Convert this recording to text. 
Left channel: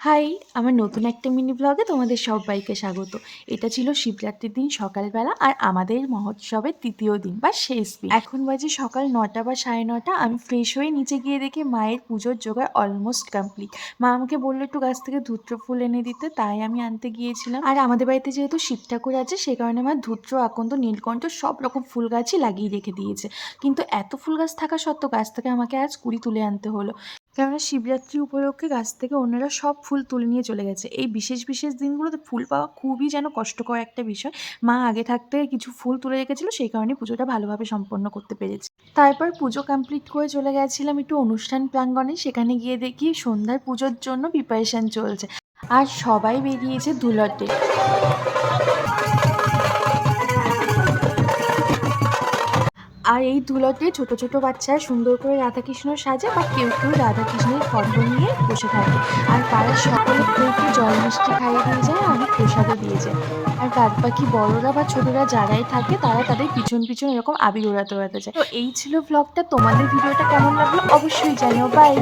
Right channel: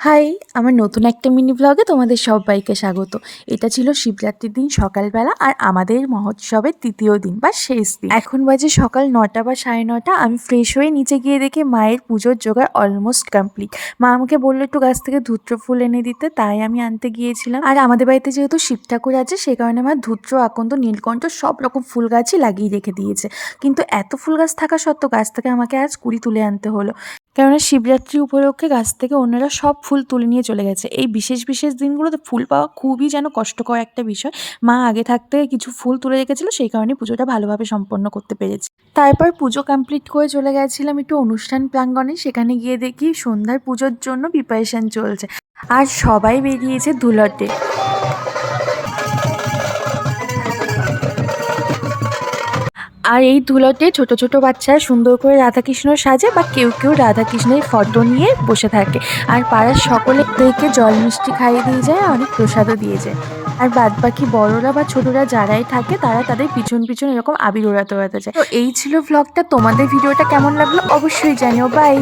High! আমার নতুন একটা মিনি ভ্লগে তোমাদের সব্বাইকে স্বাগত। এটা ছিল শিবরাত্রির দিন সকালবেলা আর আমাদের মহোৎসবের ৩য় দিন বা শেষ দিন। এখন বাজে সকাল ৯টা বা ৯:৩০। আমি ফ্রেশ হয়ে নিচে গিয়ে দেখি মায়ের পুজোর জোগাড় অলমোস্ট কমপ্লিট। মা আমাকে বলল একটু গাছ থেকে ধূত্র ফুল এনে দিতে, তাই আমি আনতে গিয়েছিলাম। আর আমাদের বাড়িতে যেহেতু শিব ঠাকুর আছে সে কারণে মা ধূত্র, আকন্দ, নীলকণ্ঠ সব রকম ফুল গাছই লাগিয়ে রেখে দিয়েছে। কিন্তু এত ফুল গাছ থাকা সত্ত্বেও গাছ থেকে আমাকে আজ কুড়ি তুলে আনতে হলো। কেননা শিবরাত্রি উপলক্ষে গাছ থেকে অন্যরা সব ফুল তুলে নিয়ে চলে গেছে। এই বিশেষ বিশেষ দিনগুলোতে ফুল পাওয়া খুবই যেন কষ্টকর একটা বিষয়। মা আগে থাকতে কিছু ফুল তুলে রেখেছিল, সেই কারণে পুজোটা ভালোভাবে সম্পন্ন করতে পেরেছি। তারপর পুজো কমপ্লিট করে চলে গেছিলাম একটু অনুষ্ঠান প্রাঙ্গণে। সেখানে গিয়ে দেখি সন্ধ্যার পুজোর জন্য প্রিপারেশন চলছে আর সবাই বেরিয়েছে ধুলাতে। আর এই ধুলোতে ছোট ছোট বাচ্চারা সুন্দর করে রাধাকৃষ্ণ সাজে বা কেউ কেউ রাধাকৃষ্ণের ফটো নিয়ে বসে থাকে। আর পাড়ার সকলেকে জল মিষ্টি খাইয়ে দিয়ে যায়, অনেক প্রসাদও দিয়ে যায়। আর বাদ বাকি বড়রা বা ছোটরা যারাই থাকে তারা তাদের পিছন পিছন এরকম আবির ওড়াতে ওড়াতে যায়। তো এই ছিল ভ্লগটা। তোমাদের ভিডিওটা কেমন লাগলো অবশ্যই জানিও। বাই।